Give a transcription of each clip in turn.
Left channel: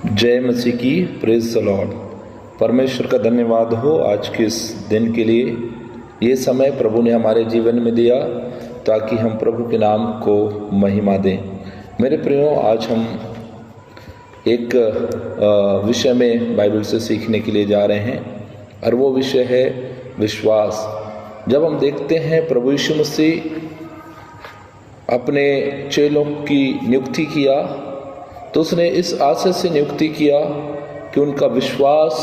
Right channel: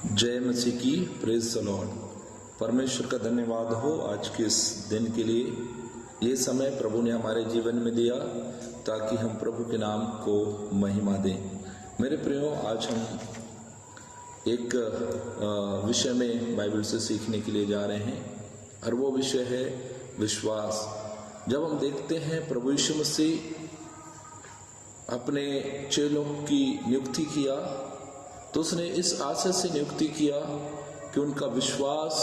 जय मसीह की, praise the Lord. परमेश्वर का धन्यवाद हो आज के इस दिन के लिए। ये समय प्रभु ने हमारे जीवन में दिया ताकि हम प्रभु के नाम को महिमा दें। मेरे प्रियो, आज हम एक विषय में बाइबल से सीखने के लिए जा रहे हैं और वो विषय है विश्वास। जब हम देखते हैं प्रभु यीशु मसीह अपने चेलों की नियुक्ति किया तो उसने इस आशय से नियुक्ति किया कि उनका विश्वास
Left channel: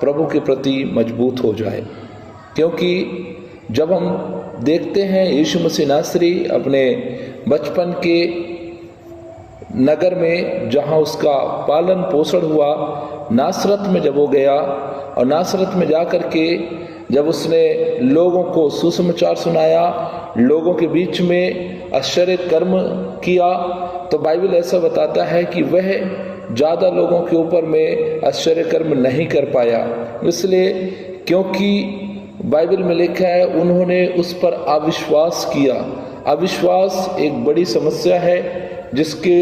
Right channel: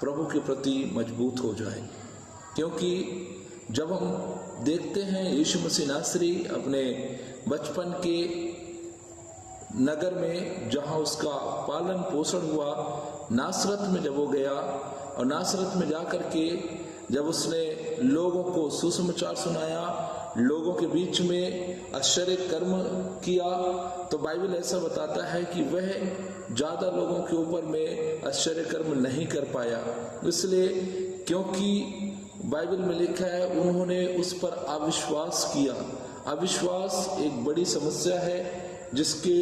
प्रभु के प्रति मजबूत हो जाए। क्योंकि जब हम देखते हैं यीशु मसीह नासरी अपने बचपन के नगर में जहाँ उसका पालन पोषण हुआ, नासरत में जब वो गया और नासरत में जा कर के जब उसने लोगों को सुसमाचार सुनाया, लोगों के बीच में आश्चर्य कर्म किया, तो बाइबल ऐसा बताता है कि वह ज़्यादा लोगों के ऊपर में आश्चर्य कर्म नहीं कर पाया। इसलिए क्योंकि बाइबल में लिखा है उन्होंने उस पर अविश्वास किया। अविश्वास एक बड़ी समस्या है जिसके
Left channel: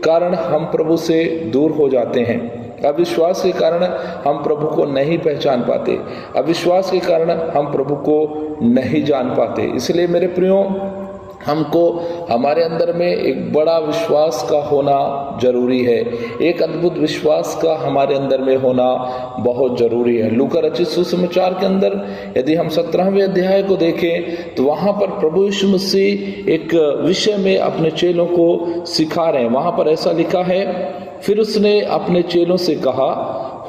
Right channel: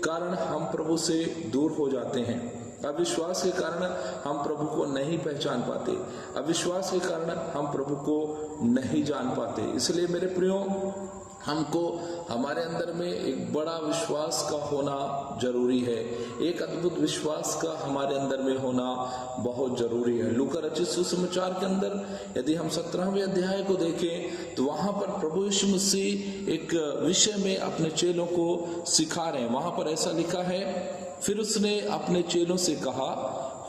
कारण हम प्रभु से दूर हो जाते हैं। अविश्वास के कारण हम प्रभु को नहीं पहचान पाते, अविश्वास के कारण हम प्रभु को नहीं जान पाते। इसलिए मेरे प्रियो, हमको हमारे अंदर में एक बड़ा विश्वास का होना जरूरी है। एक अद्भुत विश्वास का हमारे अंदर में होना बहुत जरूरी है। लूका रचित सुसमाचार के अंदर यदि हम 17वें अध्याय को देखें तो वहाँ पर प्रभु यीशु मसीह एक विषय में अपने चेलों को सिखा रहे हैं। वहाँ पर ऐसा लिखा है, फिर उसने अपने चेलों से कहा,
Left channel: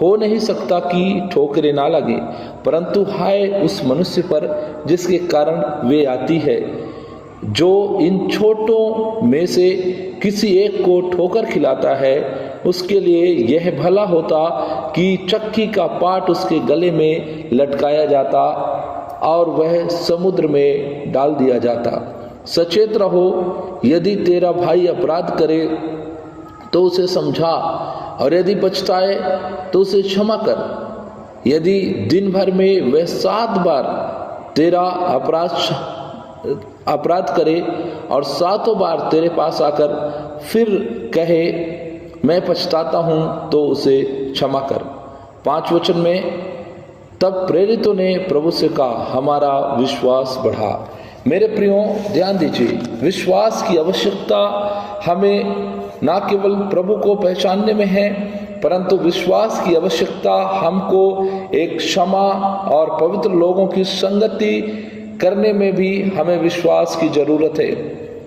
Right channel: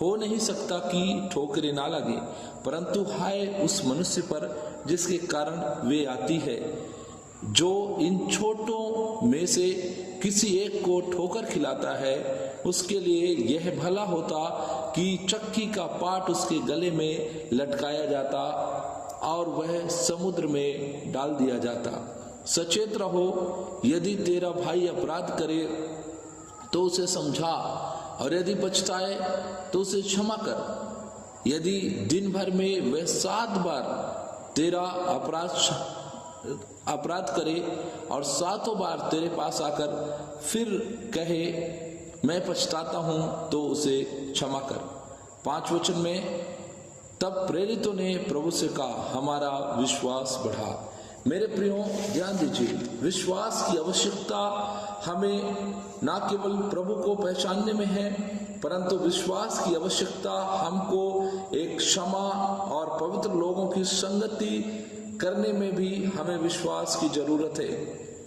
हो नहीं सकता कि ठोकरें ना लगे, परंतु हाय उस मनुष्य पर जिसके कारण वे आती है। जो इन छोटों में से किसी एक को ठोकर खिलाता है, उसके लिए यह भला होता कि चक्की का पाट उसके गले में लटकाया जाता और वह समुद्र में डाल दिया जाता। सचेत रहो, यदि तेरा भाई अपराध करे तो उसे समझा, और यदि पछताए तो उसे क्षमा कर। यदि दिन भर में वह 7 बार तेरा अपराध करे और 7 बार तेरे पास आकर फिर कहे मैं पछताता हूं, तो उसे क्षमा कर। 5 वचन में, तब प्रेरितों ने प्रभु से कहा, हमारा विश्वास बढ़ा। मेरे प्रियो, ध्यान दीजिए, विश्वास की आवश्यकता हमें ना केवल प्रभु को पहचानने में है, परंतु विश्वास की आवश्यकता हमको एक क्षमा और पवित्र लोगों की संगति करने में भी हमें विश्वास की जरूरत है।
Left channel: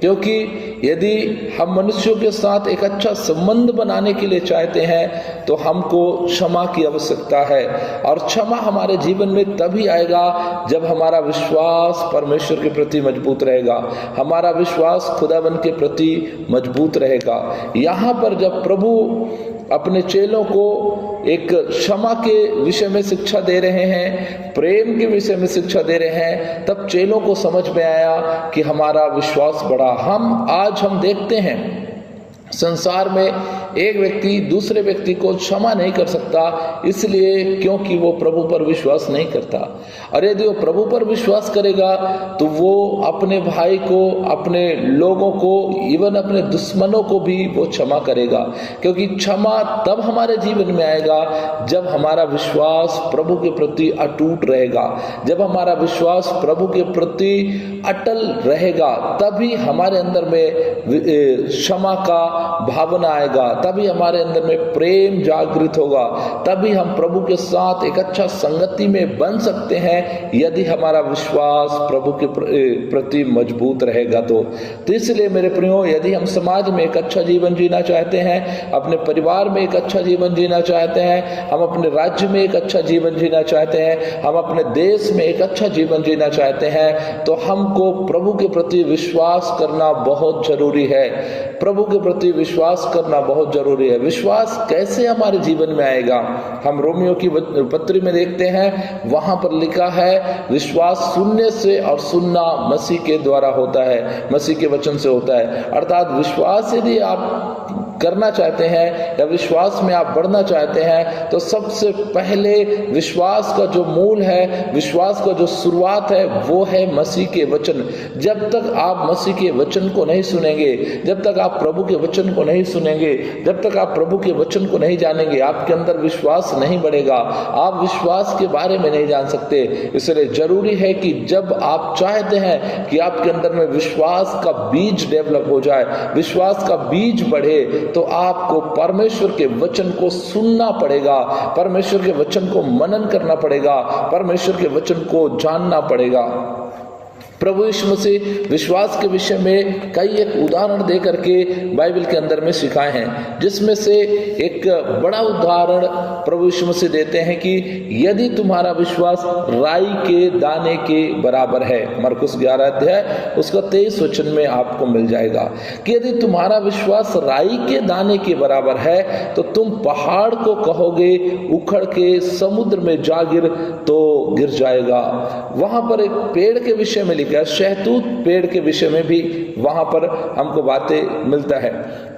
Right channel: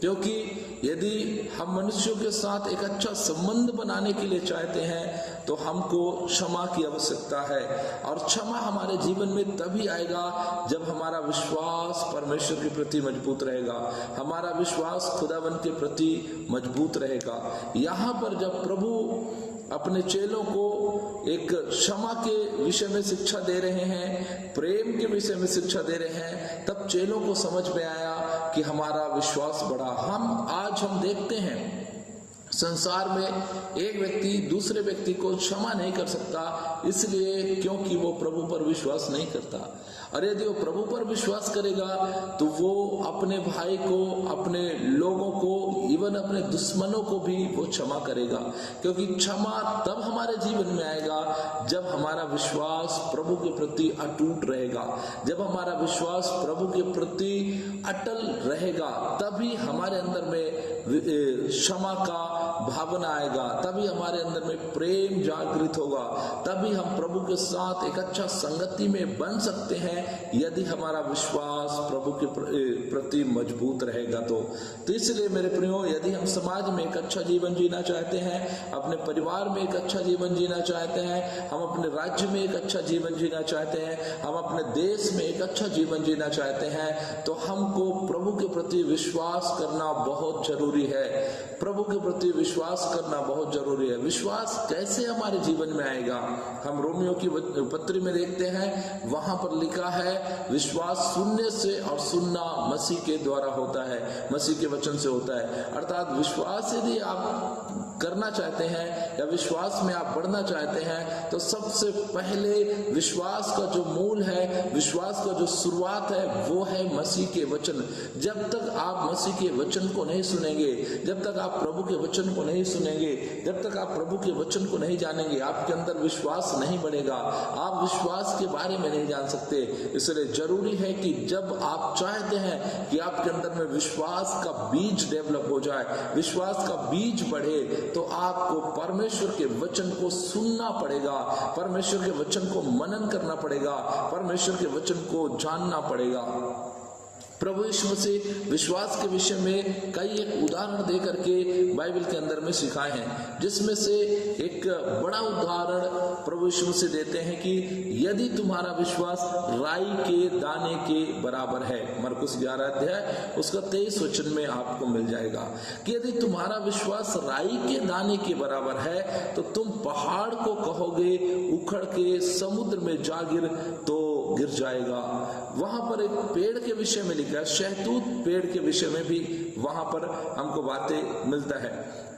क्योंकि यदि हम मनुष्यों के साथ एक अच्छा संबंध बनाने के लिए चाहते हैं तो हमको क्षमा की आवश्यकता है, और क्षमा हमारे जीवन में तभी आएगा जब हमारा विश्वास परमेश्वर के प्रति मजबूत रहेगा, हमारा विश्वास खुदावन के प्रति मजबूत रहेगा। यहाँ पर जब प्रभु अपने चेलों को एक क्षमा के विषय में शिक्षा दे रहे हैं, प्रेम के विषय में शिक्षा दे रहे हैं, तब चेलों को समझ में आया कि हमारा विश्वास बढ़ा। आज हम देखते हैं संसार में एक व्यक्ति दूसरे व्यक्ति को क्षमा नहीं कर सकता, इसलिए क्योंकि वो प्रभु पर विश्वास नहीं करता। और यदि वो प्रभु पर विश्वास करेगा तो वो अपने भाई को, अपने लोगों को, इवन अपने दुश्मनों को भी वो क्षमा करेगा। क्योंकि क्षमा तब हमारे जीवन में आएगा जब हमारा विश्वास प्रभु के प्रति अटूट रहेगा, जब हमारा विश्वास प्रभु के प्रति अटल रहेगा, तभी हमारे अंदर में क्षमा का भावना आएगा, तभी हमारे अंदर में प्रेम जागृत होगा, तभी हम प्रभु के साथ एक अच्छा संगति में बन सकते हैं यदि हमारा विश्वास प्रभु के प्रति मजबूत रहेगा। तो इसलिए मेरे प्रियो, यदि हम समाज में एक अच्छा जीवन जीना चाहते हैं, अपने परिवार में एक अच्छा जीवन जीना चाहते हैं, हम अपने राज्य में एक अच्छा जीवन जीना चाहते हैं, हम अपने देश में एक अच्छा जीवन जीना चाहते हैं, तो हमको प्रभु के प्रति विश्वास करना बहुत जरूरी है। प्रभु के प्रति विश्वास करना बहुत जरूरी है। विश्वास कैसे हमारे जीवन में आएगा? हम रोमियो की पत्री में देखते हैं, वहां पर लिखा है विश्वास सुनने से और सुनना मसीह के द्वारा होता है, मसीह के वचन से होता है। अर्थात विश्वास यदि आप करना चाहते हैं या विश्वास में आप बढ़ना चाहते हैं, तो सबसे पहले विश्वास का जो मूल है, विश्वास का जो शुरुआत है, वो है मसीह के वचन। जब तक आप मसीह के वचन को नहीं सुनेंगे, जब तक आप प्रभु के वचन को नहीं सुनेंगे, जब तक आप प्रभु के वचन को नहीं जानेंगे, आपके अंदर विश्वास नहीं बढ़ेगा, आप विश्वास के बारे में नहीं जान सकते। इसलिए जरूरी है कि जब आप चाहते हैं कि आपके अंदर में विश्वास का बीज डेवलप हो जाए, विश्वास का बीज बढ़े, तो आपको परमेश्वर के वचन को सुनना पड़ेगा, परमेश्वर के वचन को मनन करना पड़ेगा, परमेश्वर के वचन को जानना पड़ेगा। प्रभु यीशु मसीह विश्वास के विषय में कई एक उदाहरण दे करके बाइबल के अंदर में सिखाए हैं, जिसमें से एक बड़ा उदाहरण प्रभु यीशु मसीह देते हैं कि यदि तुम्हारा विश्वास राई के दाने के बराबर है, मरकुस 11 अध्याय उसका 23 वचन में आपको मिल जाएगा कि यदि तुम्हारा विश्वास राई के दाने के बराबर है तो तुम पहाड़ को कहोगे उखड़ के समुद्र में जा गिर, तो गिर जाएगा। वहां पर एक पेड़ के विषय में लिखा है, शहतूत पेड़ के विषय में भी वहां पर हमको बातें मिलता है।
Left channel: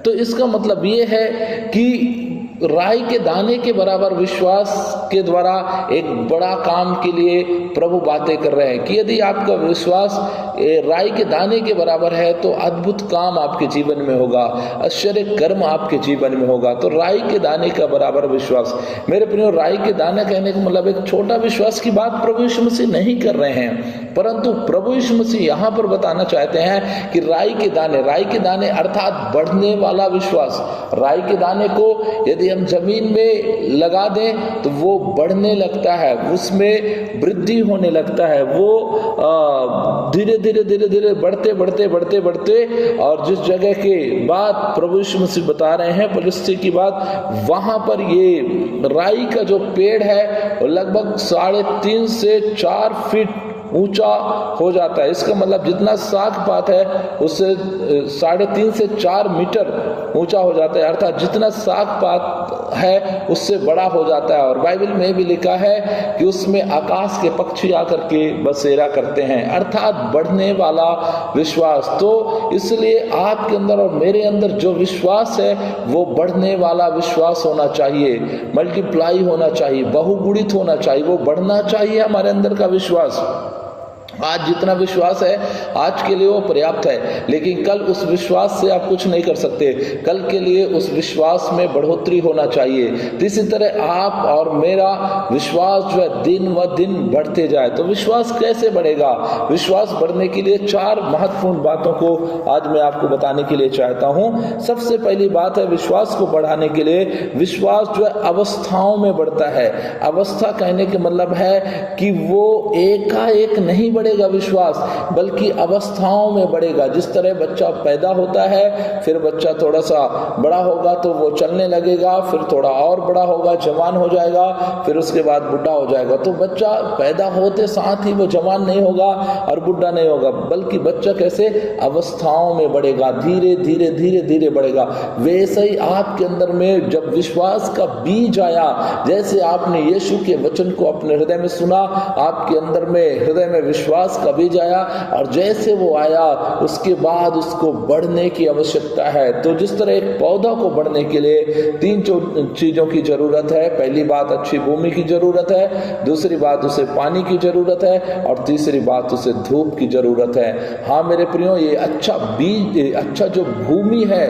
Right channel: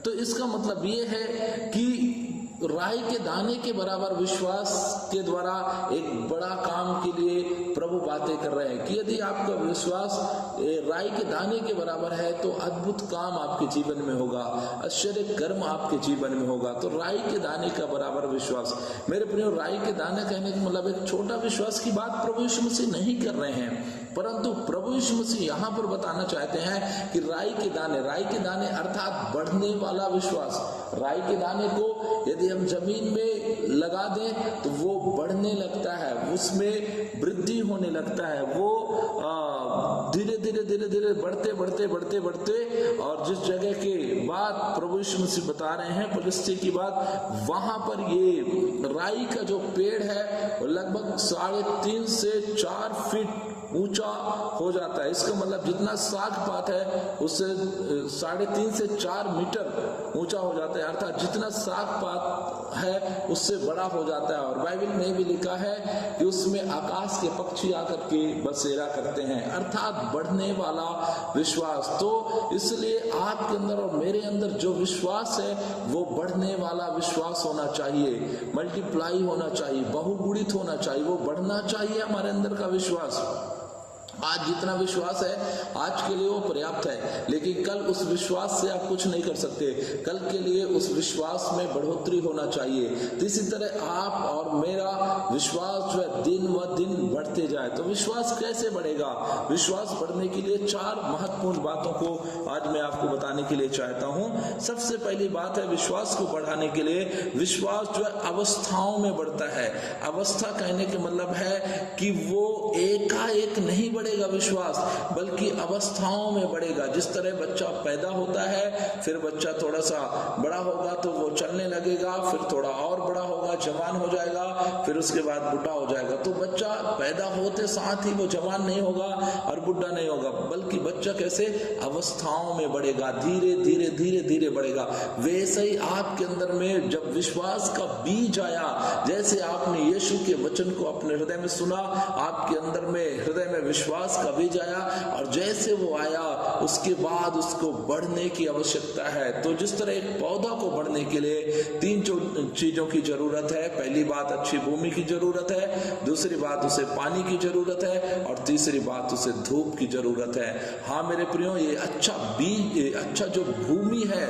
तो इसका मतलब ये है कि राई के दाने के बराबर विश्वास के द्वारा एक बड़ा काम के लिए प्रभु बातें कर रहे हैं कि यदि आपका विश्वास राई के दाने के बराबर है तो अद्भुत काम आपके जीवन में होगा, आश्चर्य कर्म आपके जीवन में होगा। तो राई के दाने का बराबर विश्वास, मेरे प्रियो, राई के दाने कहने का मतलब एक छोटा विश्वास की बात प्रभु यीशु मसीह नहीं कर रहे हैं, परंतु प्रभु यीशु मसीह यहाँ पर बताना चाहते हैं कि राई के दाने अर्थात बढ़ने वाला विश्वास। राई के दाने को यदि हम जमीन में लगा दें तो वो बढ़ने लगता है, उसमें वृद्धि होने लगता है, वो धीरे धीरे बढ़ते और जिस जगह के बात प्रभु यीशु मसीह बता रहे हैं, पलिस्ती की बात, वहां पर ये राई का जो पेड़ है वो लगभग 3.5 से 4 फीट ऊंचा हो जाता है। इसका मतलब जितना साग पात है उससे 3.5 से 4 मीटर ऊंचा हो जाता है, अर्थात जितना साग पात है उससे बड़ा हो जाता है। और बाइबल में भी लिखा है कि उसमें आकाश के पक्षी आकर के बसेरा करते हैं, अर्थात बढ़ने वाला विश्वास। तो इसलिए आपके अंदर और मेरे अंदर जो विश्वास है वो बढ़ने वाला विश्वास होना चाहिए, मल्टीप्लाई होना चाहिए, बहुगुणित होना चाहिए, वो बढ़ना चाहिए हमारे अंदर का विश्वास। आज जितना विश्वास है आज के लिए वो पर्याप्त है, लेकिन कल उस विश्वास से आप कुछ नहीं कर सकते, कल के लिए उस विश्वास में बढ़ोतरी होना चाहिए। तो इसी तरह आप और मेरा विश्वास जो है दिन व दिन बढ़ते जाए। तो विश्वास कैसे बढ़ेगा? विश्वास बढ़ने के लिए 4 महत्वपूर्ण बातों को आज मैं आपको बताने के लिए चाहता हूँ। सबसे पहली बात है, विश्वास को बढ़ाने के लिए विश्वास जो है अवस्थाओं में बढ़ता है। अवस्था कहने के मतलब है कि वो एकाएक नहीं बढ़ेगा विश्वास, बल्कि अवस्थाओं में बढ़ेगा। जिस तरह बच्चा पैदा होता है, फिर बच्चा थोड़ा सा बड़ा होगा तो वो चलने लगेगा, फिर थोड़ा और बड़ा होगा, जवान हो जाएगा, फिर उसके बाद बुढ़ा हो जाएगा। तो बच्चा पैदा होते साथ ही वो जवान नहीं होगा और बुढ़ा नहीं होगा, बल्कि बच्चा कैसे अवस्थाओं में बढ़ेगा, धीरे धीरे बढ़ेगा। वैसे ही आपके अंदर में जब विश्वास का बीज आया, जैसे आपने यीशु के वचन को अपने हृदय में सुना, आपके अंदर में हृदय में विश्वास का बीज आया, और जैसे वो आया उसके बाद उसको बढ़ने की आवश्यकता है। तो जिस तरह एक पौधा को बढ़ने के लिए 3 चीजों की जरूरत है। पहली बात अच्छी भूमि की जरूरत है, दूसरी बात उसे पानी की जरूरत है, और तीसरी बात उसे धूप की जरूरत है। हाँ मेरे प्रियो, ये अच्छा बीज, अच्छा जो भूमि है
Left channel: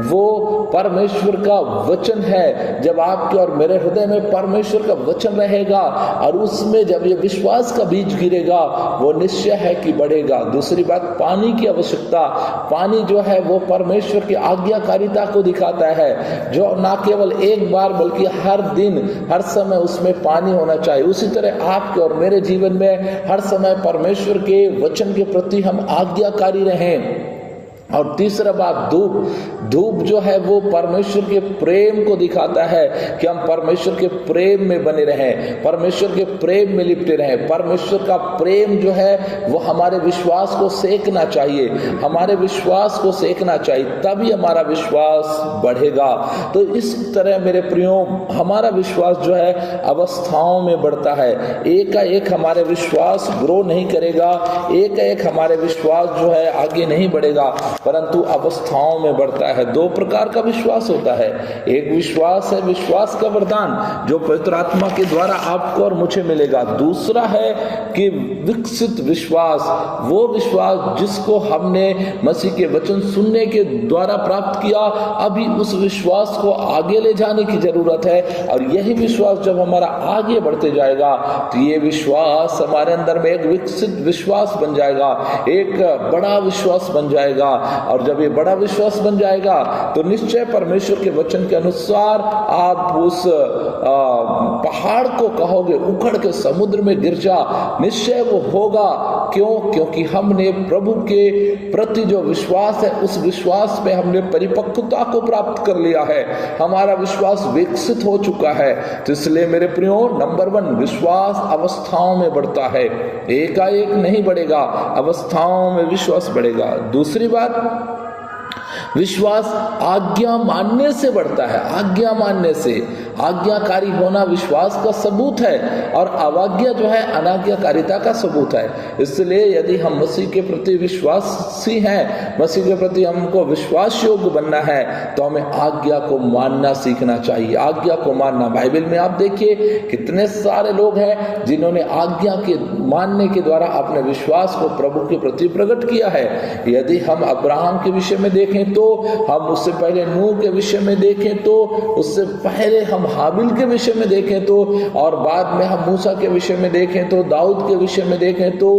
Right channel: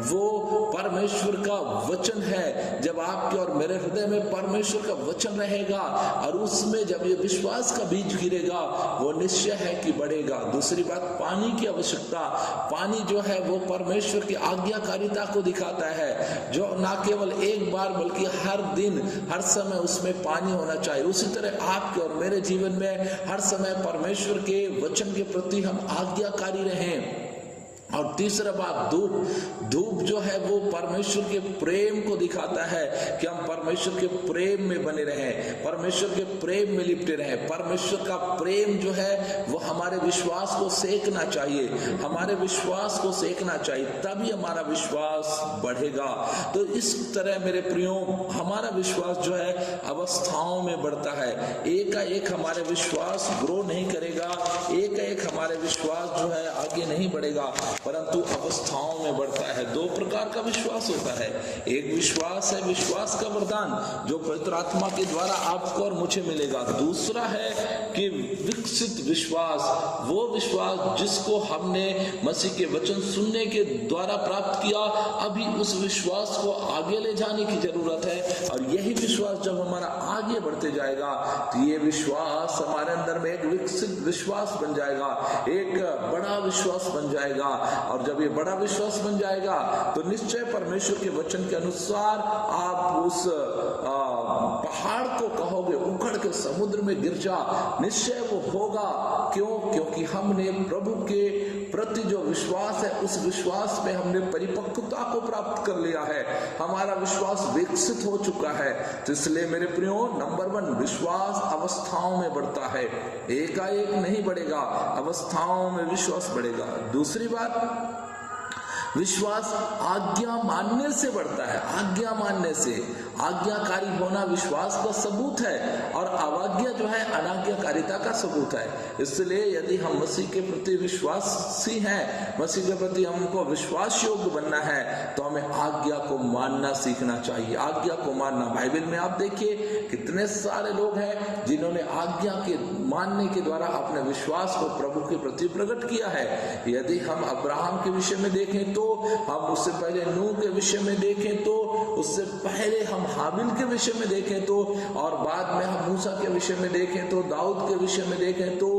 वो परमेश्वर का वचन है। जब आपके और मेरे हृदय में परमेश्वर का वचन रहेगा और उसमें जब ये विश्वास का बीज गिरेगा, वो निश्चय है कि बढ़ेगा। दूसरी बात, पानी की आवश्यकता। पानी जो है वो परमेश्वर की आज्ञाकारिता को दिखाता है, जो ना केवल एक बार बल्कि हर दिन हर समय उसमें पानी होना चाहिए। उसी तरह आपके और मेरे जीवन में हर समय परमेश्वर के वचन के प्रति हम आज्ञाकारी रहें। और तीसरा बात, धूप जो है वो परमेश्वर के प्रेम को दिखाता है कि हम परमेश्वर के प्रेम में बने रहें, परमेश्वर के प्रेम में लिपटे रहें। परमेश्वर का प्रेम जो है वो हमारे विश्वास को सेकना चाहिए, हमारे विश्वास को सेकना चाहिए, तभी हमारा विश्वास बढ़ेगा। तो इस तरह मेरे प्रियो, हमारा विश्वास जो है अवस्थाओं में बढ़ता है। एकाएक हमारे विश्वास ग्रो नहीं करेगा, एकाएक हमारे विश्वास जो है आगे नहीं बढ़ेगा। परंतु अवस्थाओं में बढ़ता है। दो प्रकार का विश्वास होता है। एक विश्वास है विश्वास का वरदान जो पवित्र आत्मा के द्वारा आपको और मुझे मिलेगा। दूसरा है कि विकसित विश्वास, वो विश्वास जिसको हमने मसीह के वचन सुनने के द्वारा प्राप्त किया। अभी उस विश्वास को आगे ले जाने की जरूरत है और यही विश्वास जब हमारा आगे बढ़ते जाएगा तो ये विश्वास हमारे अंदर में एक विकसित विश्वास बन जाएगा, एक बड़ा विश्वास बन जाएगा। और जब ये बड़ा विश्वास बन जाएगा तो निश्चय परमेश्वर के वचन के अनुसार आप उस पहाड़ को कहोगे उखड़ के समुद्र में गिर जा, निश्चय वो होगा। क्यों? क्योंकि हमने प्रभु के प्रति जो विश्वास है उस विश्वास में हमने परिपक्वता को प्राप्त कर लिया है, हमारा विश्वास विकसित हो चुका है। तो इसलिए मेरे प्रियो, नंबर 1 विश्वास अवस्थाओं में बढ़ता है, एकाएक नहीं बढ़ेगा, अवस्थाओं में विश्वास बढ़ेगा। दूसरी बात, विश्वास आज्ञा मानने से बढ़ता है। आज्ञा मानने से, आज्ञाकारी होना विश्वास का सबूत है और अवाज्ञा जो है अनाज्ञाकारिता का सबूत है। इसलिए यदि हम मसीह के प्रति विश्वासी हैं, मसीह के प्रति हमको विश्वास योग्य बनना है तो हमें आज्ञा को मानना सीखना चाहिए। आज्ञा को मानना, बाइबल में आप देखिए कितने सारे लोग हैं जिन्होंने आज्ञा के मानने के द्वारा अपने विश्वास को प्रभु के प्रति प्रकट किया है। यदि हम अब्राहम के विषय में देखें तो, हम उससे पहले नूह के विषय में देखें तो, उससे पहले हम हाबिल के विषय में देखें तो, और बाद में हम मूसा के विषय में देखें तो, दाऊद के विषय में देखें तो,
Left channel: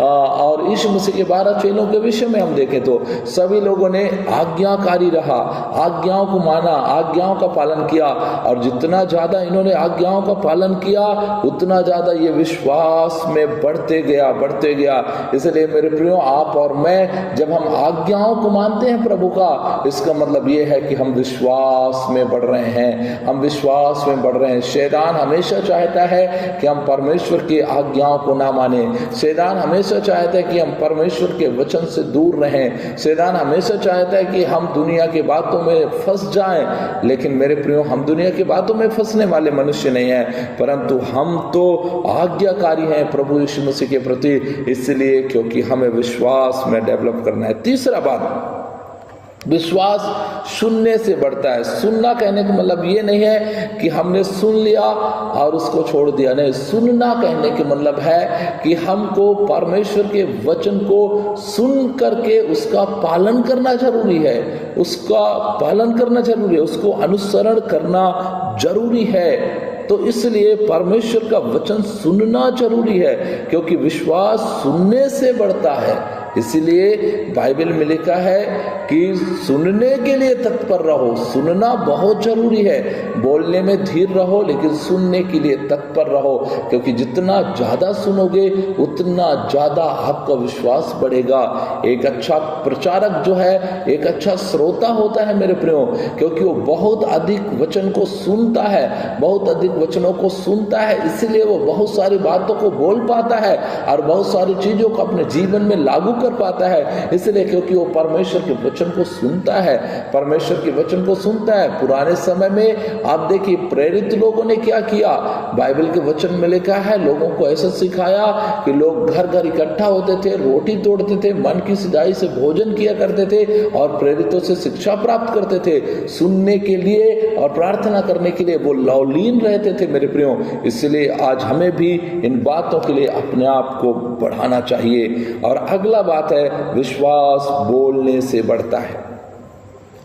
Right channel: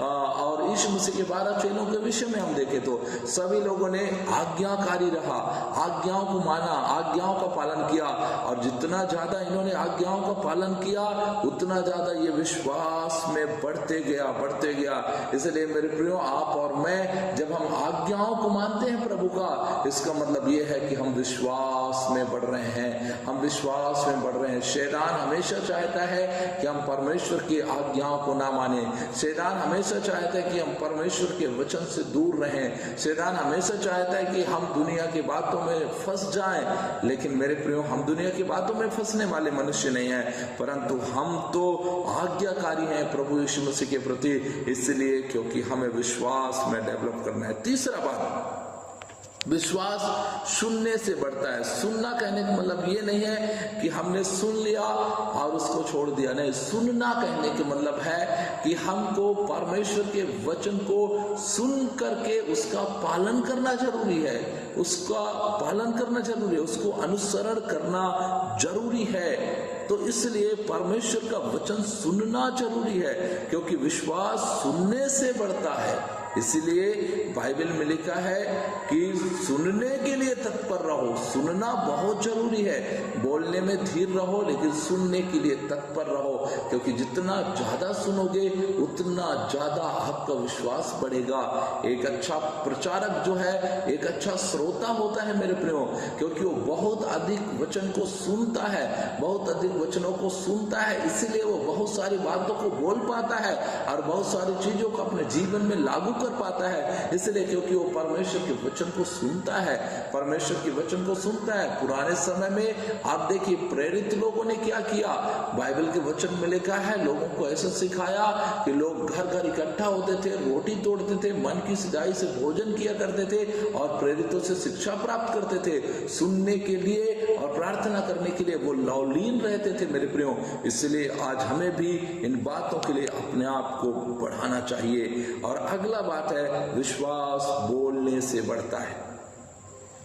और यीशु मसीह के 12 चेलों के विषय में हम देखें तो, सभी लोगों ने आज्ञाकारी रहा, आज्ञाओं को माना, आज्ञाओं का पालन किया। और जितना ज्यादा इन्होंने आज्ञाओं का पालन किया उतना ज्यादा ये विश्वास में बढ़ते गया। इसलिए मेरे प्रियो, आप और मैं जब हम आज्ञाओं को मानते हैं प्रभु का, इसका मतलब ये है कि हम विश्वास में बढ़ रहे हैं, हम विश्वास में बढ़ रहे हैं। शैतान हमेशा चाहता है कि हम परमेश्वर की आज्ञाओं को ना माने। शैतान हमेशा चाहता है कि हम परमेश्वर के वचन से दूर रहें। शैतान हमेशा चाहता है कि हम दुनिया की बातों में फंस जाएं। लेकिन मेरे प्रियो, हम दुनिया की बातों में फंसने वाले मनुष्य नहीं हैं, परंतु हम तो आज्ञाकारी हैं प्रभु यीशु मसीह के प्रति, इसलिए क्योंकि हमें विश्वास में डेवलप करना है। तीसरा बात, विश्वास सुनने से बढ़ता है। सुनना कहने का मतलब ये नहीं है कि हमने सुन लिया और उसको छोड़ दिया, नहीं। सुनना कहने के मतलब है कि हमको परमेश्वर के वचन को सुन करके उसका पालन करना जरूरी है, उसका पालन करना जरूरी है, उसको अनुसरण करना जरूरी है। तो इसलिए परमेश्वर का वचन सुनना जरूरी है, क्योंकि विश्वास सुनने से बढ़ता है। इसलिए बाइबल में लिखा है कि सुनने के लिए तत्पर रहो। सुनना बहुत जरूरी है, बोलने में धीर रहो लेकिन सुनने के लिए तत्पर रहो, क्योंकि जितना ज्यादा सुनोगे उतना ज्यादा आपका विश्वास बढ़ेगा। एक अच्छा प्रचारक जो है एक अच्छा श्रोता होता है मेरे प्रियो, क्योंकि वो बहुत अधिक वचन को सुनता है, बहुत अधिक वचनों को सुनता है, इसलिए वो बहुत सारी बातों को बोल पाता है और बहुत सारी चीजों को अपने जीवन में लागू कर पाता है। इसलिए क्योंकि वो परमेश्वर के वचन को सुनता है, परमेश्वर के वचन को सुनता है। पुराने समय में आप देखिए प्रेरित लोगों ने क्या किया, बाइबल के वचन में लिखा है लोगों को ऐसा सिखाया कि लोग घर घर इकट्ठा होते थे, रोटी तोड़ते थे, मन की सिधाई से भोजन किया करते थे और प्रेरितों से शिक्षा प्राप्त करते थे। सुनने के लिए और प्रार्थना करने के लिए वो लवलीन रहते थे मेरे प्रियो। इसलिए आज हमें भी इन बातों के लिए अपने आप को बढ़ाना चाहिए। और अगला बात है, विश्वास बोलने से बढ़ता है।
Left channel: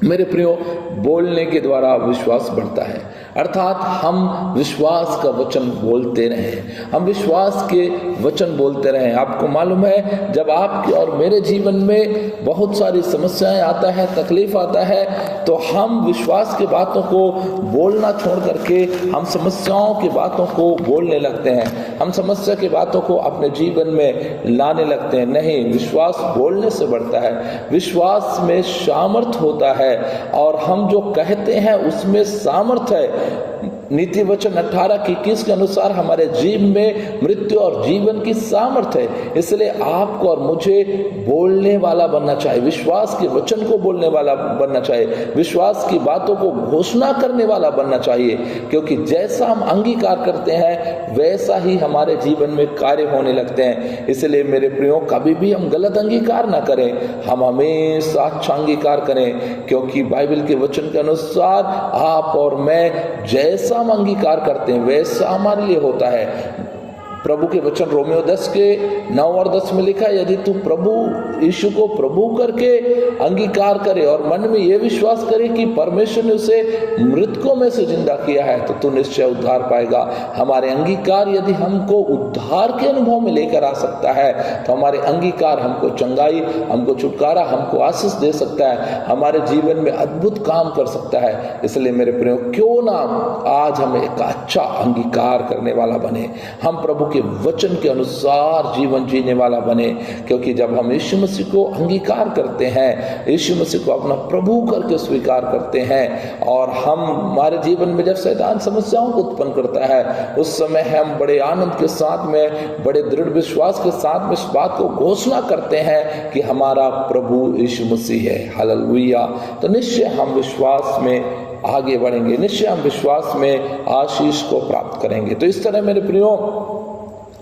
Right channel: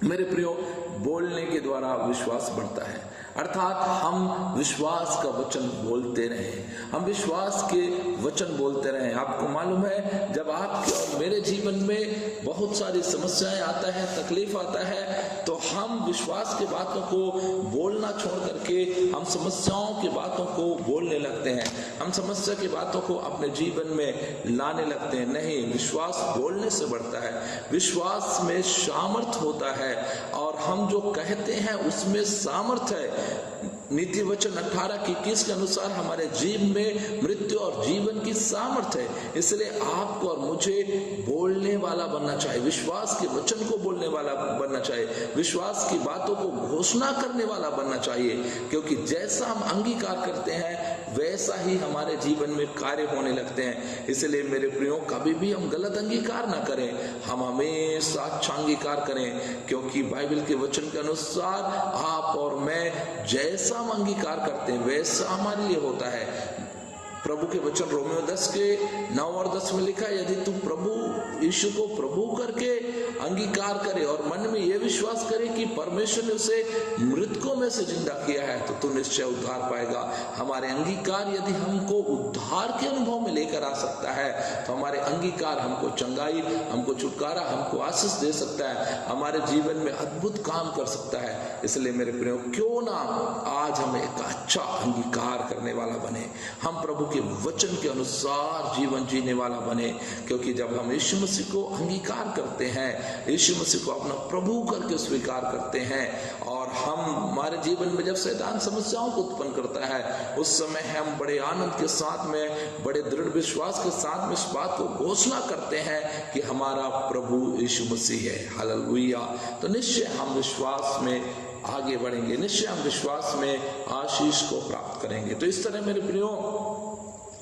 मेरे प्रियो, बोलने के द्वारा विश्वास बढ़ता है, अर्थात हम विश्वास का वचन बोलते रहें, हम विश्वास के वचन बोलते रहें। आपको मालूम है जब आपके और मेरे जीवन में बहुत सारी समस्याएं आता है, तकलीफ आता है, तो हम विश्वास की बातों को बोलना छोड़ करके हम समस्याओं की बातों को बोलने लगते हैं, हम समस्या की बातों को अपने जीवन में लाने लगते हैं। नहीं, विश्वास बोलने से बढ़ता है, विश्वास में सामर्थ होता है और हम जो कहते हैं उसमें सामर्थ है। नीति वचन 18:21 के अनुसार हमारे जीवन में मृत्यु और जीवन की सामर्थ्य है। इसलिए आपको और मुझे बोलने वाला बनना चाहिए, विश्वास के वचन को बोलने वाला बनना चाहिए, विश्वास की बातों को घोषणा करने वाला बनना चाहिए, क्योंकि जैसा हम अंगीकार करते हैं वैसा ही हमारे जीवन में कार्य होने लगते हैं। इसलिए मेरे प्रियो, कभी भी हम गलत अंगीकार ना करें, हम हमेशा अच्छा अंगीकार करें, क्योंकि बाइबल के वचन के अनुसार आप और मैं जैसा हम अंगीकार करते हैं वैसा हमारे लिए होता है। प्रभु के वचन रोमियो 10:9 और 10 में लिखा है, यदि तू प्रभु यीशु को प्रभु करके अंगीकार करे और मन में यह विश्वास करे कि परमेश्वर ने उसे मृतकों में से जिंदा किया है तो तू निश्चय उद्धार पाएगा। हमारे अंगीकार यदि हमको उद्धार के अनुभव में लेकर आ सकता है तो हमारे अंगीकार हमको चंगाई, हमको छुटकारा, हमको आशीष दे सकता है, हमारे जीवन में अद्भुत काम कर सकता है। इसलिए मेरे प्रियो, क्यों ना आज हम एक अच्छा अंगीकार करने वाला बने, हम प्रभु के वचन के अनुसार जीवन जीने वाला बने, क्योंकि जब हम यीशु मसीह को अंगीकार करते हैं, यीशु मसीह को अपना प्रभु करके स्वीकार करते हैं और हमारे जीवन में जब शैतान समस्याओं को उत्पन्न करता है उस समय हम बड़े आनंद के साथ में, बड़े दृढ़ विश्वास के साथ में इस बात को घोषणा करते हैं कि हमारा प्रभु यीशु मसीह है। हालेलुया। तो निश्चय हम विश्वास में आगे बढ़ेंगे, निश्चय हम विश्वास में आशीष को प्राप्त करेंगे। तो इस तरह मेरे प्रियो,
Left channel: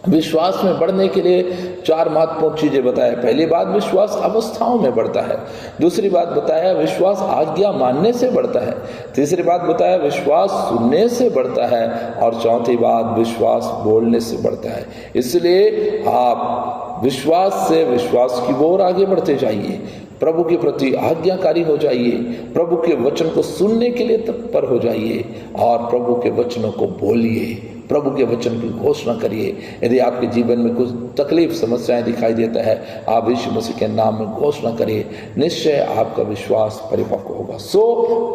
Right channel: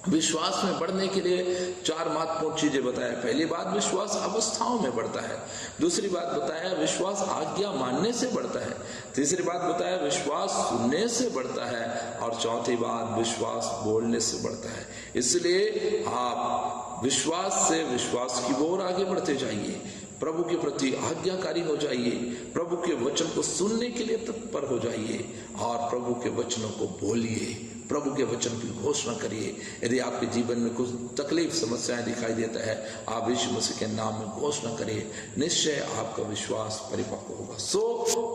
विश्वास में बढ़ने के लिए 4 महत्वपूर्ण चीजें बताया। पहली बात, विश्वास अवस्थाओं में बढ़ता है। दूसरी बात बताया, विश्वास आज्ञा मानने से बढ़ता है। तीसरी बात बताया, विश्वास सुनने से बढ़ता है। और चौथी बात, विश्वास बोलने से बढ़ता है। इसलिए आप विश्वास से विश्वास की ओर आगे बढ़ते जाइए, प्रभु के प्रति आज्ञाकारी हो जाइए, प्रभु के वचन को सुनने के लिए तत्पर हो जाइए और प्रभु के वचनों को बोलिए, प्रभु के वचन की घोषणा करिए। यदि आपके जीवन में कुछ तकलीफ, समस्याएं दिखाई देता है, आप यीशु मसीह के नाम में घोषणा करिए, निश्चय आपका विश्वास परिपक्व होगा। सो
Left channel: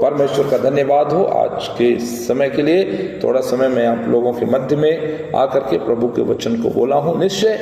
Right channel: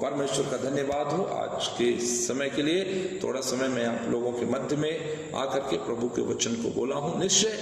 परमेश्वर का धन्यवाद हो आज के समय के लिए। थोड़ा समय मैं आप लोगों के मध्य में आकर के प्रभु के वचन को बोला हूँ। निश्चय